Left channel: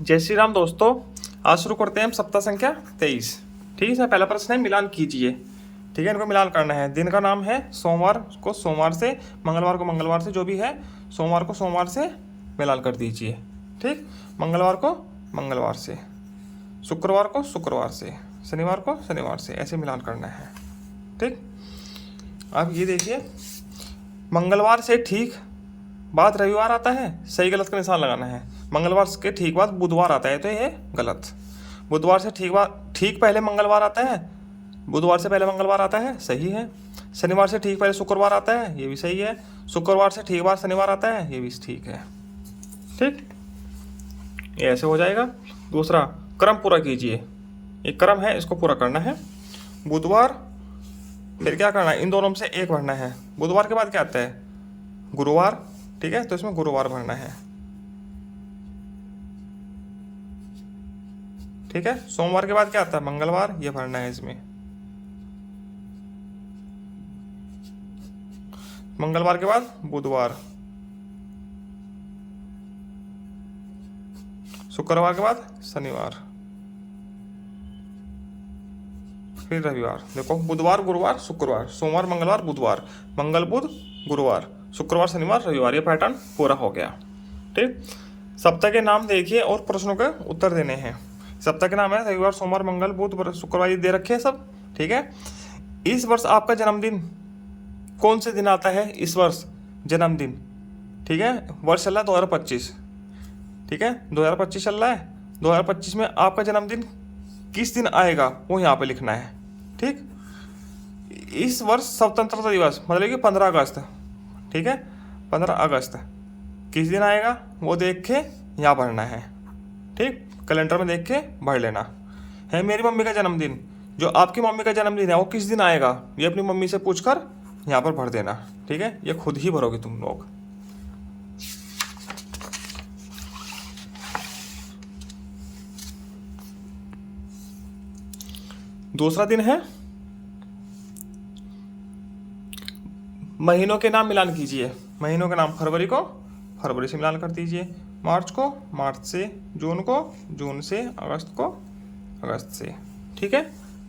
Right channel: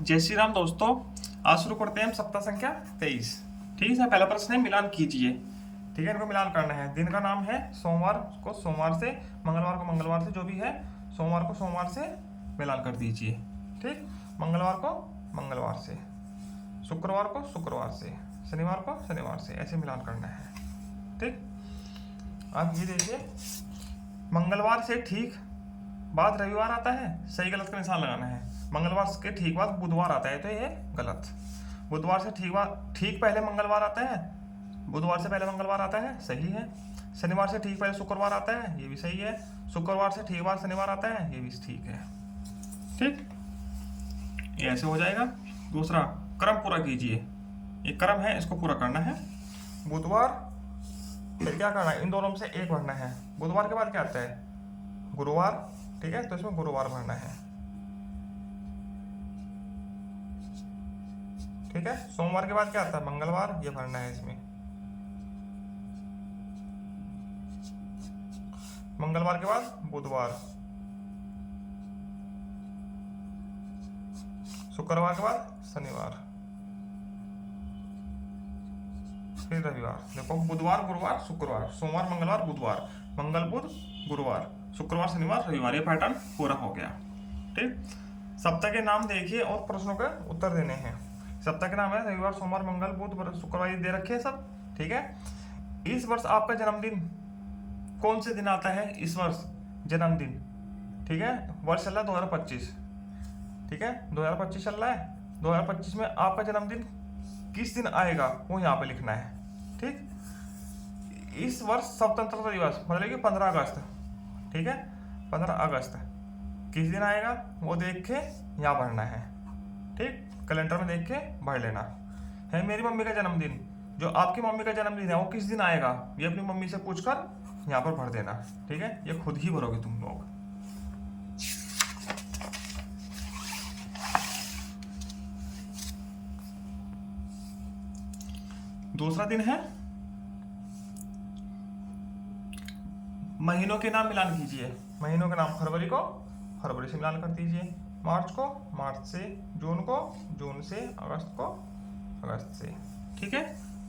जय श्री राम दोस्तों। आज शुरू करते हैं हम सप्ताह संख्या 23। ठीक है, इसमें पहला प्रश्न है मिलान कीजिए। ठीक है, इनको मिलान करना है। दिन का नाम है सोमवार को सोमवार से, मंगलवार को मंगलवार से, जो भी है सोमवार को सोमवार से मिलान कर दीजिए। ठीक, मंगलवार को मंगलवार से, शुक्रवार को शुक्रवार से, शनिवार को शनिवार से, ऐसे मिलान करना है। ठीक, अब ये देखिए, मंगलवार से ठीक बाद रविवार आता है, सही गलत का निशान लगाना है। मंगलवार के ठीक बाद बुधवार आता है, तो ये गलत। बुधवार से ठीक पहले मंगलवार आता है, बुधवार से पहले मंगलवार आता है, सही है। शनिवार से ठीक पहले शुक्रवार आता है, ये भी सही है। शुक्रवार से ठीक बाद शनिवार आता है, ये भी ठीक है। ठीक, ये ऐसे हो जाएगा। दूसरा, क्रम पूरा कीजिए। एक क्रम है, इसको पूरा करना है। बुधवार, फिर क्या करना है, इन दोनों में से एक भरना है। बुधवार के बाद क्या आता है, गुरुवार। ठीक है, तो इसमें गुरुवार भरना है। ठीक है, सोमवार के बाद क्या आता है, मंगलवार, ये भरना है इसमें। मंगलवार के बाद बुधवार, शुक्रवार के बाद शनिवार, फिर रविवार। देखो, बुधवार गुरुवार शुक्रवार, सोमवार मंगलवार बुधवार, मंगल बुध गुरुवार, शुक्रवार शनिवार रविवार, ये पैटर्न पूरा हो गया। ठीक, सप्ताह के नाम देखिए और प्रश्नों के उत्तर देने हैं। सप्ताह के नाम है रविवार सोमवार मंगल बुध शुक्रवार, ये दे रखे हैं सब। ठीक है, इस वर्ष आपका जन्मदिन कौन से दिन आता है, इस वर्ष जन्मदिन। ठीक है, वर्ष चल रहा है 2025। ठीक है, 2025 चल रहा है। 2025 में आपका जन्मदिन किस दिन आएगा वो यहाँ पे लिखना है। ठीक, इस वर्ष स्वतंत्रता दिवस मतलब कि 15 अगस्त। ठीक है, 15 अगस्त किस दिन आएगा वो देख के यहाँ भरना है। ठीक, कैलेंडर में देख के भर लेना है। मेरी मम्मी का जन्मदिन, जो आपकी मम्मी का जन्मदिन है वो किस दिन आएगा, ये अपनी मम्मी से पूछकर यहाँ पर भर देना। ठीक है, ये खुद ही भरोगे तुम लोग। दूसरा दिन है महीनों के नाम मिलान कीजिए। महीनों के नाम, फरवरी को फरवरी से मिलान कर दीजिए, मार्च को मार्च से, जून को जून से, अगस्त को अगस्त से। ठीक है,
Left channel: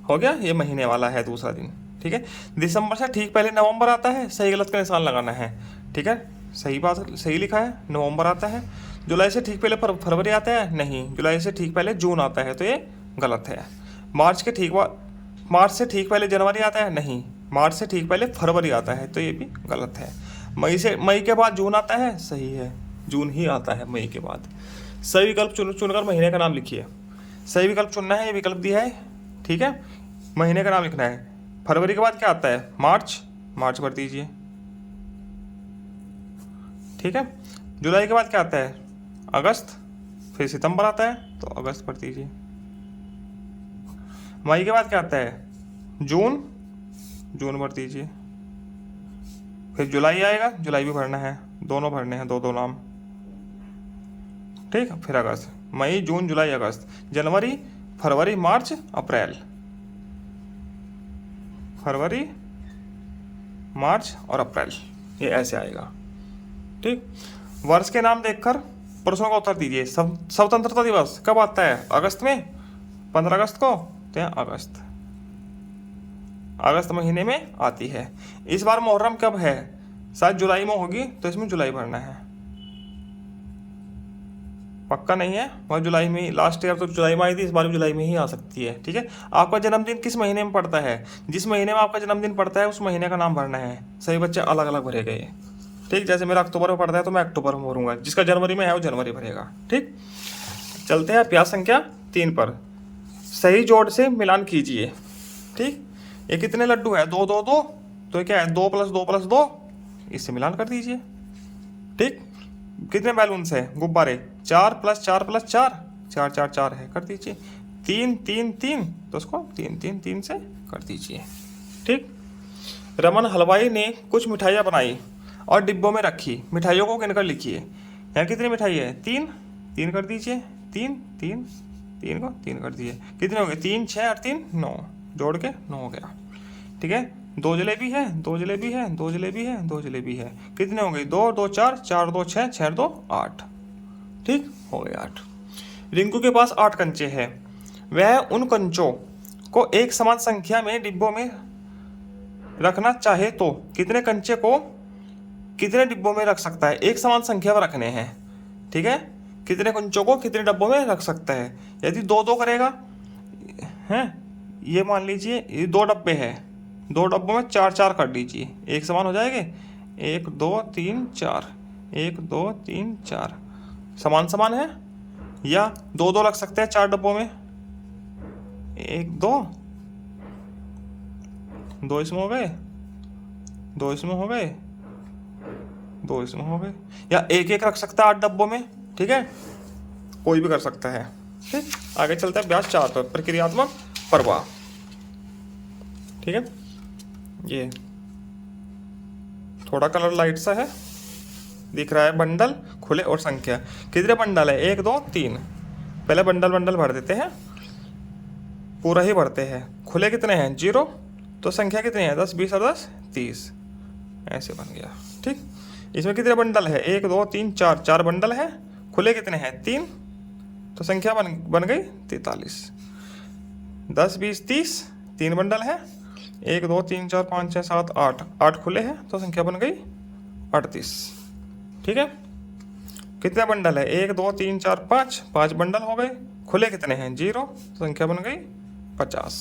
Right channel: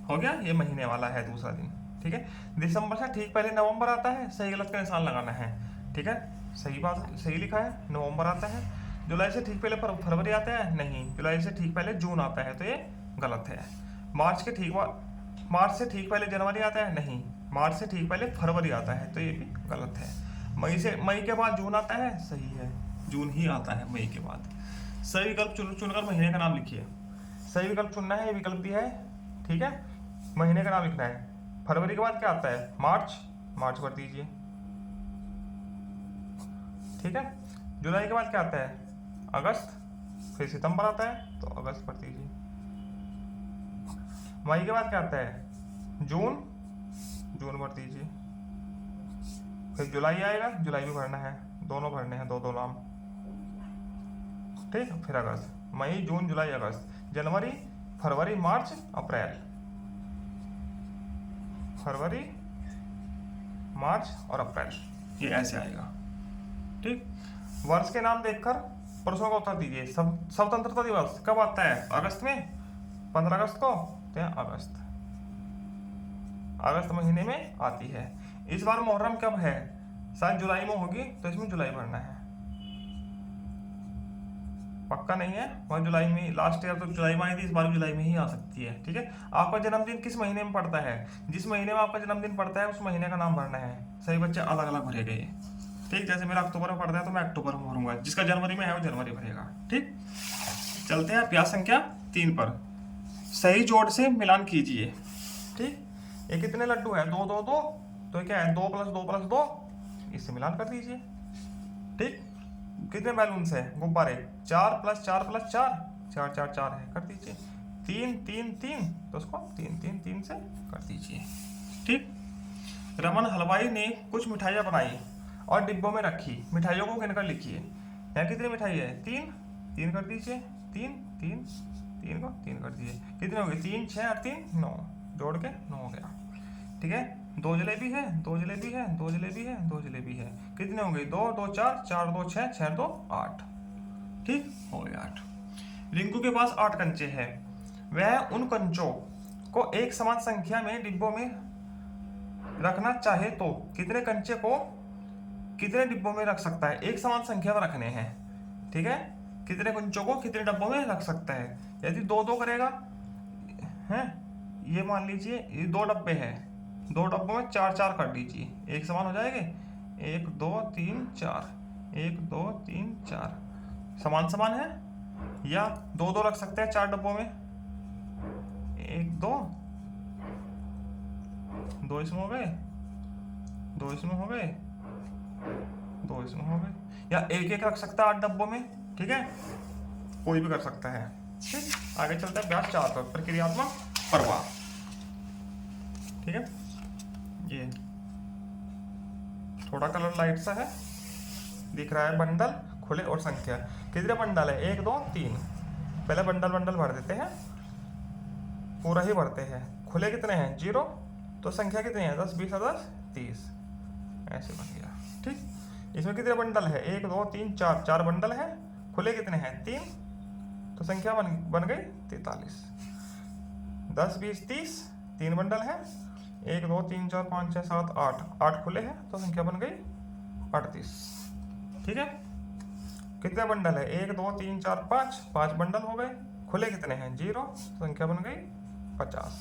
हो गया, ये महीने वाला है दूसरा दिन। ठीक है, दिसंबर से ठीक पहले नवंबर आता है, सही गलत का निशान लगाना है। ठीक है, सही बात, सही लिखा है, नवंबर आता है। जुलाई से ठीक पहले फरवरी आता है, नहीं। जुलाई से ठीक पहले जून आता है, तो ये गलत है। मार्च से ठीक पहले जनवरी आता है, नहीं। मार्च से ठीक पहले फरवरी आता है, तो ये भी गलत है। मई के बाद जून आता है, सही है, जून ही आता है मई के बाद। सही विकल्प चुनकर महीने का नाम लिखिए। सही विकल्प चुनना है, ये विकल्प दिया है। ठीक है, महीने का नाम लिखना है। फरवरी के बाद क्या आता है, मार्च, मार्च भर दीजिए। ठीक है, जुलाई के बाद क्या आता है, अगस्त, फिर सितंबर आता है, तो अगस्त भर दीजिए। मई के बाद क्या आता है, जून, जून भर दीजिए। फिर जुलाई आएगा, जुलाई भी भरना है, दोनों भरने हैं, दो नाम। ठीक, फिर अगस्त, मई जून जुलाई अगस्त, जनवरी फरवरी मार्च अप्रैल, फरवरी मार्च और अप्रैल, ये ऐसे आएगा। ठीक, वर्ष के नाम देखकर प्रश्नों का उत्तर दीजिए। स्वतंत्रता दिवस कब आता है, अगस्त में, 15 अगस्त को, तो यहाँ अगस्त महीने में आती है। इस बार मुहर्रम कब है, शायद जुलाई में होगी, तो इसमें जुलाई भरना है। पक्का नहीं है, वह जुलाई में ही, लास्ट ईयर तो जुलाई में आई थी, इस बार भी जुलाई में ही आ सकती है। ठीक है, आपका जन्मदिन किस महीने में पड़ता है, जिस महीने में आपका जन्मदिन पड़ता है उस महीने का नाम भरना है। सही बच्चे अलग अलग भरे गए। ठीक, जैसे मेरा अक्टूबर में पड़ता है तो मैं अक्टूबर में भरूंगा, जिसका जनवरी में है वो जनवरी भरेगा। ठीक, चलते हैं अभ्यास संख्या 3 पर। सही जोड़ से मिलान कीजिए। ठीक, ये कितने लड्डू है, 2 2 2, तो ये क्या है, 2 + 2 + 2, इससे मिलान कर दीजिए। ठीक, कितने बैलून्स है, गुब्बारे, 4 + 4 + 4, 4 4 4 है, कर दीजिए। 3 3 3, तो उसको 3 3 3 से कर दीजिए। ठीक, रमन हलवाई ने कुछ मिठाइयाँ बनाई और डिब्बों में रखी। मिठाइयों को गिनकर लिखिए। यहाँ कितनी मिठाई है, 3 3 कर दीजिए, 3 3 3 को 3 कर दीजिए। कितने हो गए, 3 6 और 3 9, जोड़ के 9 हो गया। ठीक है, 2 जलेबी है, 2 जलेबी है, 2 जलेबी है, 2 जलेबी है। कितने हो गई, 2 2 4 4 2 6 6 2 8। ठीक, हो गए 8। रिंकू के पास 8 कंचे हैं। वह उन कंचों को एक समान संख्या में डिब्बों में रखना चाहे तो कितने कंचे को कितने डिब्बों में रख सकता है? एक समान संख्या में रखने हैं, ठीक है। कितने कंचों को कितने डब्बों में रख सकता है? यदि 2-2 करेगा हैं, ये मान लीजिए ये 2 डब्बे हैं, 2 डब्बों में 4-4 कर दीजिए, एक समान हो जाएंगे। 1 2 3 4, 1 2 3 4 समान समान है। या 2-2 रख सकते हैं 4 डब्बों में, 1 2 2 इसमें हो गए, 2 इसमें हो गए, 2 इसमें हो गए। या 1-1 रख सकता है 8 डब्बों में, ठीक है, कोई भी कर सकता है। ठीक, आगे चलता है अभ्यास 4 पर, प्रक्रियात्मक प्रवाह। ठीक है, ये थोड़ा कलर लाइट सा है, दिख रहा है। बंडल, खुले और संख्या। कितने बंडल है? 1 2 3। पहले बंडल भर देते हैं, पूरा ही भरते हैं। खुले कितने हैं? 0। तो संख्या कितनी है? 10 20 और 10 30, ऐसे बन गया। ठीक, इसमें कितने बंडल है? 1 2 3 4, 4 बंडल है। खुले कितने हैं? 3। तो संख्या बन गई 43। 10 20 30, 3 बंडल है। 1 2 3 4 5 6 7 8, 8 खुले हैं, तो संख्या बन गई 38। ठीक है, कितने बंडल है? 1 2 3 4 5, 5 बंडल हो गए। खुले कितने हैं? 0, संख्या बन गई 50।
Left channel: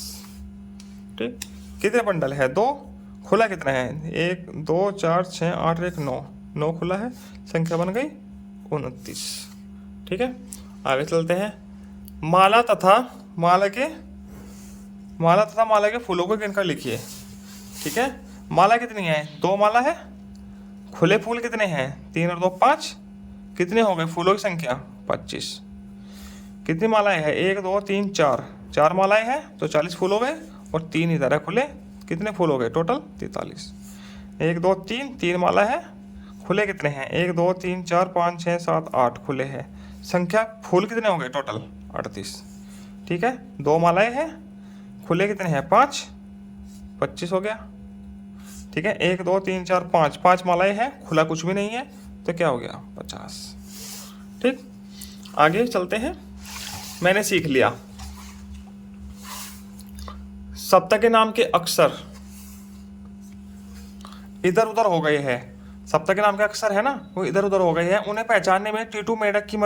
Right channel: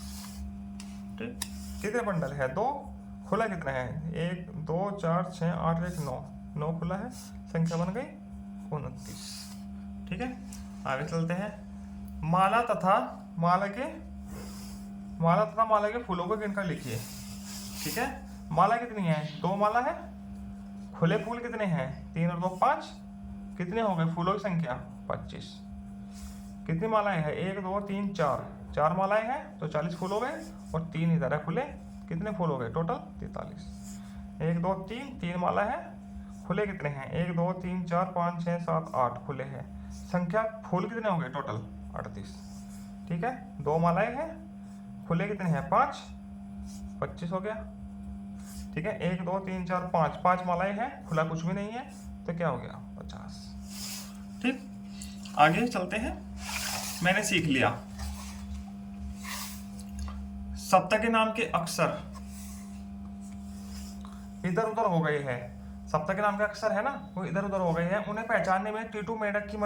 ठीक, कितने बंडल है? 2। खुला कितना है? 1 2 4 6 8 1 9, 9 खुला है, संख्या बन गई 29। ठीक है, आगे चलते हैं। माला तथा माला के फूलों को गिनकर लिखिए। ठीक है, माला कितनी है? 2 माला है। खुले फूल कितने हैं? 3 और 2 5। कितने हो गए फूलों की संख्या? 25। कितनी मालाएं हैं? 1 2 3 4, 4 मालाएं हैं, तो 40 फूल हो गए। और 3 इधर है खुले, कितने फूल हो गए टोटल? 43। 1 2 3, 3 माला है। खुले कितने हैं? 1 2 3 4 5 6 7 8 खुले हैं। संख्या फूल कितने हो गए टोटल? 38। ठीक है, 2 मालाएं हैं। खुले कितने हैं? 5, 25 हो गया। ठीक है, 1 2 3 4 5, 5 मालाएं हैं, खुला कुछ भी नहीं है, तो क्या हो गया? 50। ठीक, आगे चलते हैं। मैंने सीख लिया सप्ताह के नाम के अक्षर इधर उधर हो गए हैं। सप्ताह के नाम के अक्षर है ना, वो इधर उधर हो गए हैं। उन्हें पहचानने में टीटू मेंढक की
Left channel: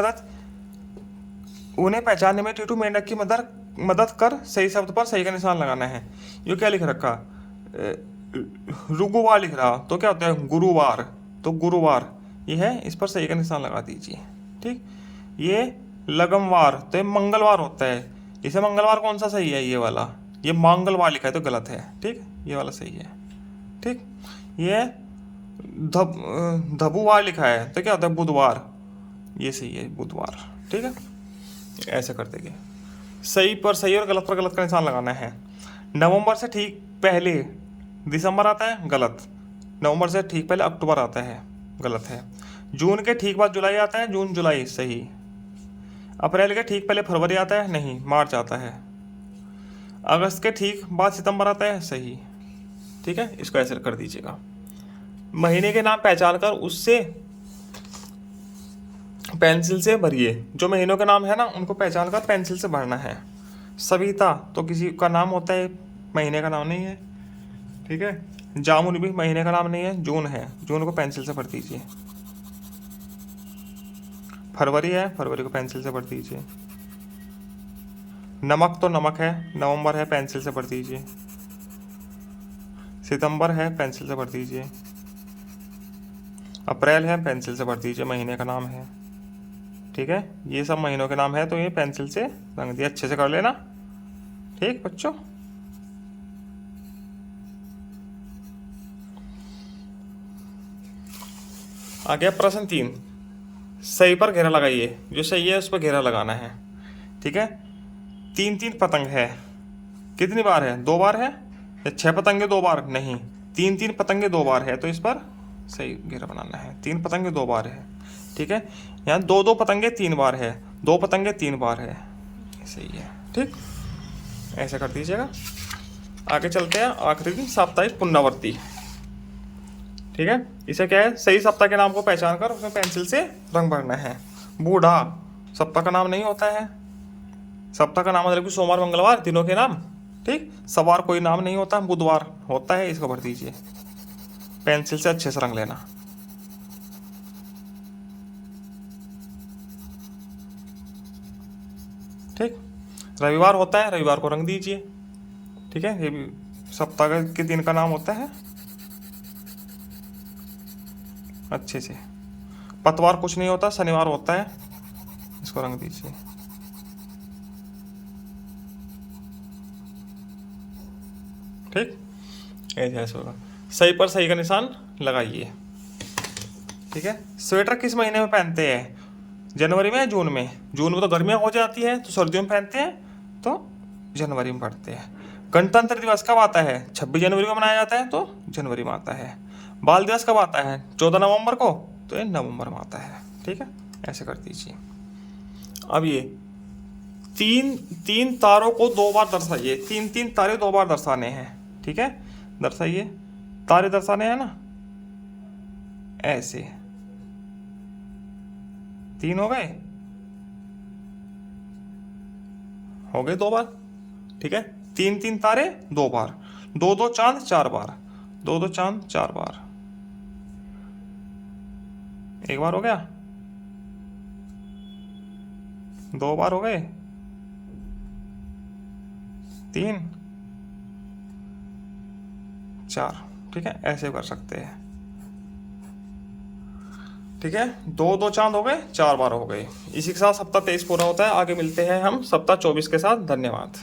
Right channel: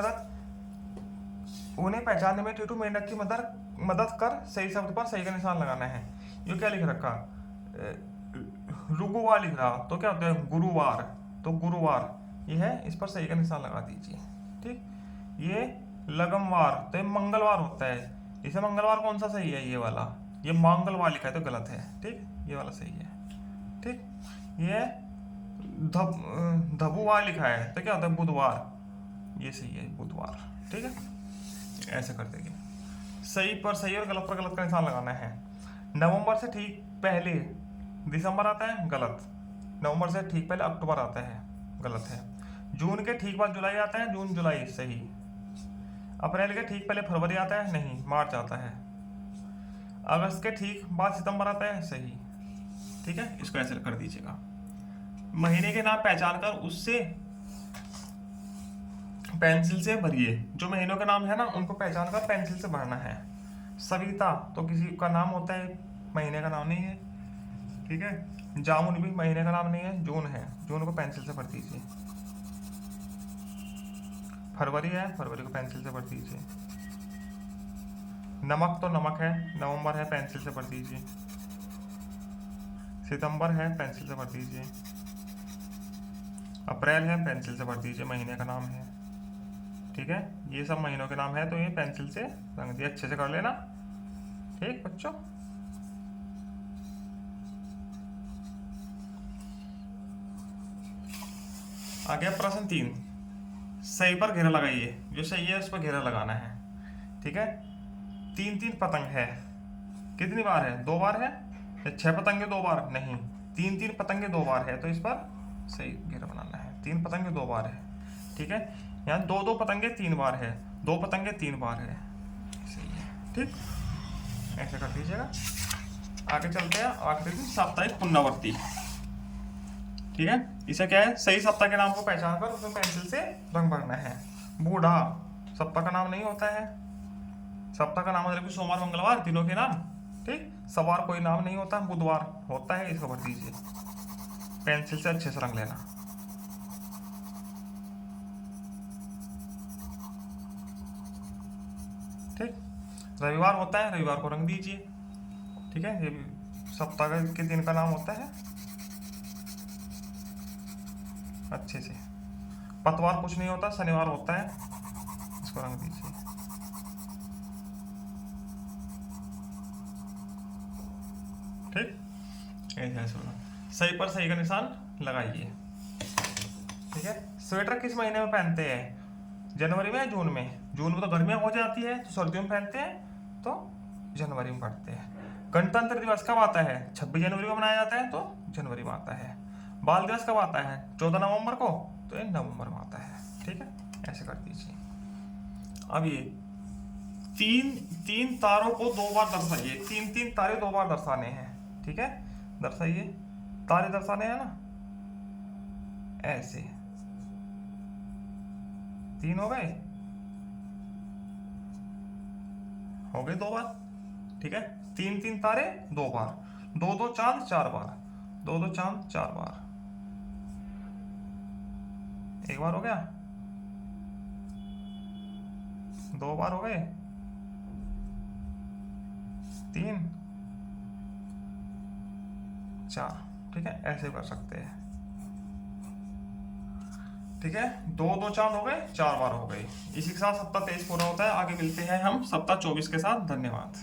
मदद कर सही शब्द पर सही का निशान लगाना है। ये क्या लिख रखा? रुगुवार लिख रहा, तो क्या होता है? गुरुवार, तो गुरुवार ये है, इस पर सही का निशान लगा दीजिए। ठीक, ये लगमवार, तो ये मंगलवार होता है। इसे मंगलवार कौन सा सही है? ये वाला। ये मंगलवार लिखा है तो गलत है। ठीक, ये वाला सही है। ठीक, ये धबुवार लिखा है, तो क्या होता है? बुधवार, ये सही है, बुधवार। ठीक है, ऐसे कर देंगे। सही पर सही और गलत पर गलत का निशान लगाना है। नवंबर से ठीक पहले दिसंबर आता है, गलत। नवंबर से ठीक पहले अक्टूबर आता है, गलत है। जून के ठीक बाद जुलाई आता है, जून जुलाई, सही। अप्रैल के ठीक पहले फरवरी आता है, नहीं, मार्च आता है। अगस्त के ठीक बाद सितंबर आता है, सही। ठीक है, इसको ऐसे कर दीजिएगा। महीने के नाम पहचान कर उससे पेंसिल से भरिए। जो महीनों के नाम है ना, उनको पहचान कर पेंसिल से भरना है। सविता तो किसी का नाम होता है, महीने का नाम नहीं है। ठीक है, जामुन भी महीने का नाम नहीं है, जून है, जून को पेंसिल से भर दीजिए। फरवरी है, फरवरी को पेंसिल से भर दीजिए। नमक तो नमक है, नवंबर है, पेंसिल से भर दीजिए। सितंबर है, पेंसिल से भर दीजिए। अप्रैल है, पेंसिल से भर दीजिए, महीने का नाम है। ठीक है, ये सब महीनों के नाम है, तो ये पेंसिल से रंग दिए, अच्छे से कर लेना। ठीक बच्चों, आ गया प्रश्न 3। सही पर घेरा लगाइए। जो सही है उस पर घेरा लगाना है। ठीक है, 3 पतंग है, कितनी बार है? 2 बार है। या 6 पतंगे 2 बार? नहीं, 3 पतंगे 2 बार है, तो इस पर सही घेरा बनाना है। 3 पतंगे 2 बार है। ठीक है, यहाँ 2 पतंगे 3 बार है, 2 पतंगे 3 बार है, सही है। ठीक, ऐसे कर दीजिएगा। आगे चलते हैं। आखिरी दिन साप्ताहिक पुनरावृत्ति। ठीक है, इसे क्या है? सही सप्ताह के नाम को पहचान कर उसमें पेंसिल से रंग भरना है। बूढ़ा, सप्ताह का नाम नहीं होता है। सप्ताह का नाम मतलब कि सोमवार मंगलवार दिनों के नाम, ठीक। सवार कोई नाम नहीं होता, बुधवार होता है, इसको भर दीजिए। पेंसिल से अच्छे से रंग लेना, ठीक। रविवार होता है, रविवार को रंग दीजिए, ठीक है। ये भी सप्ताह के दिन का नाम होता है अच्छे से। पतवार कुछ नहीं होता, शनिवार होता है, इसको रंग दीजिए, ठीक। ऐसे होगा। सही पर सही का निशान लगाइए, ठीक है। स्वेटर किस महीने में पहनते हैं? जनवरी में, जून में? जून में तो गर्मियाँ हो जाती है तो सर्दियों में पहनते हैं, तो जनवरी में पढ़ते हैं। गणतंत्र दिवस कब आता है? 26 जनवरी को मनाया जाता है, तो जनवरी में आता है। बाल दिवस कब आता है? 14 नवंबर को, तो ये नवंबर में आता है, ठीक है। ऐसे कर दीजिए। अब ये तीन तारों को 2 बार दर्शाइए। तीन तारे 2 बार दर्शाने हैं, ठीक है। दर्शाइए, तारे दर्शाने हैं ना, ऐसे 3 हो गए, 2 बार, ठीक है। 3 तारे 2 बार, 2 चांद 4 बार, 2 चांद 4 बार, 1 बार हो गया, 2 बार हो गए, 3 4, ठीक है। ऐसे कर सकते हैं, ठीक है। 2 चांद हो गए, 4 बार हो गए। इसी के साथ सप्ताह 23 पूरा होता है। आगे मिलते हैं हम सप्ताह 24 के साथ। धन्यवाद।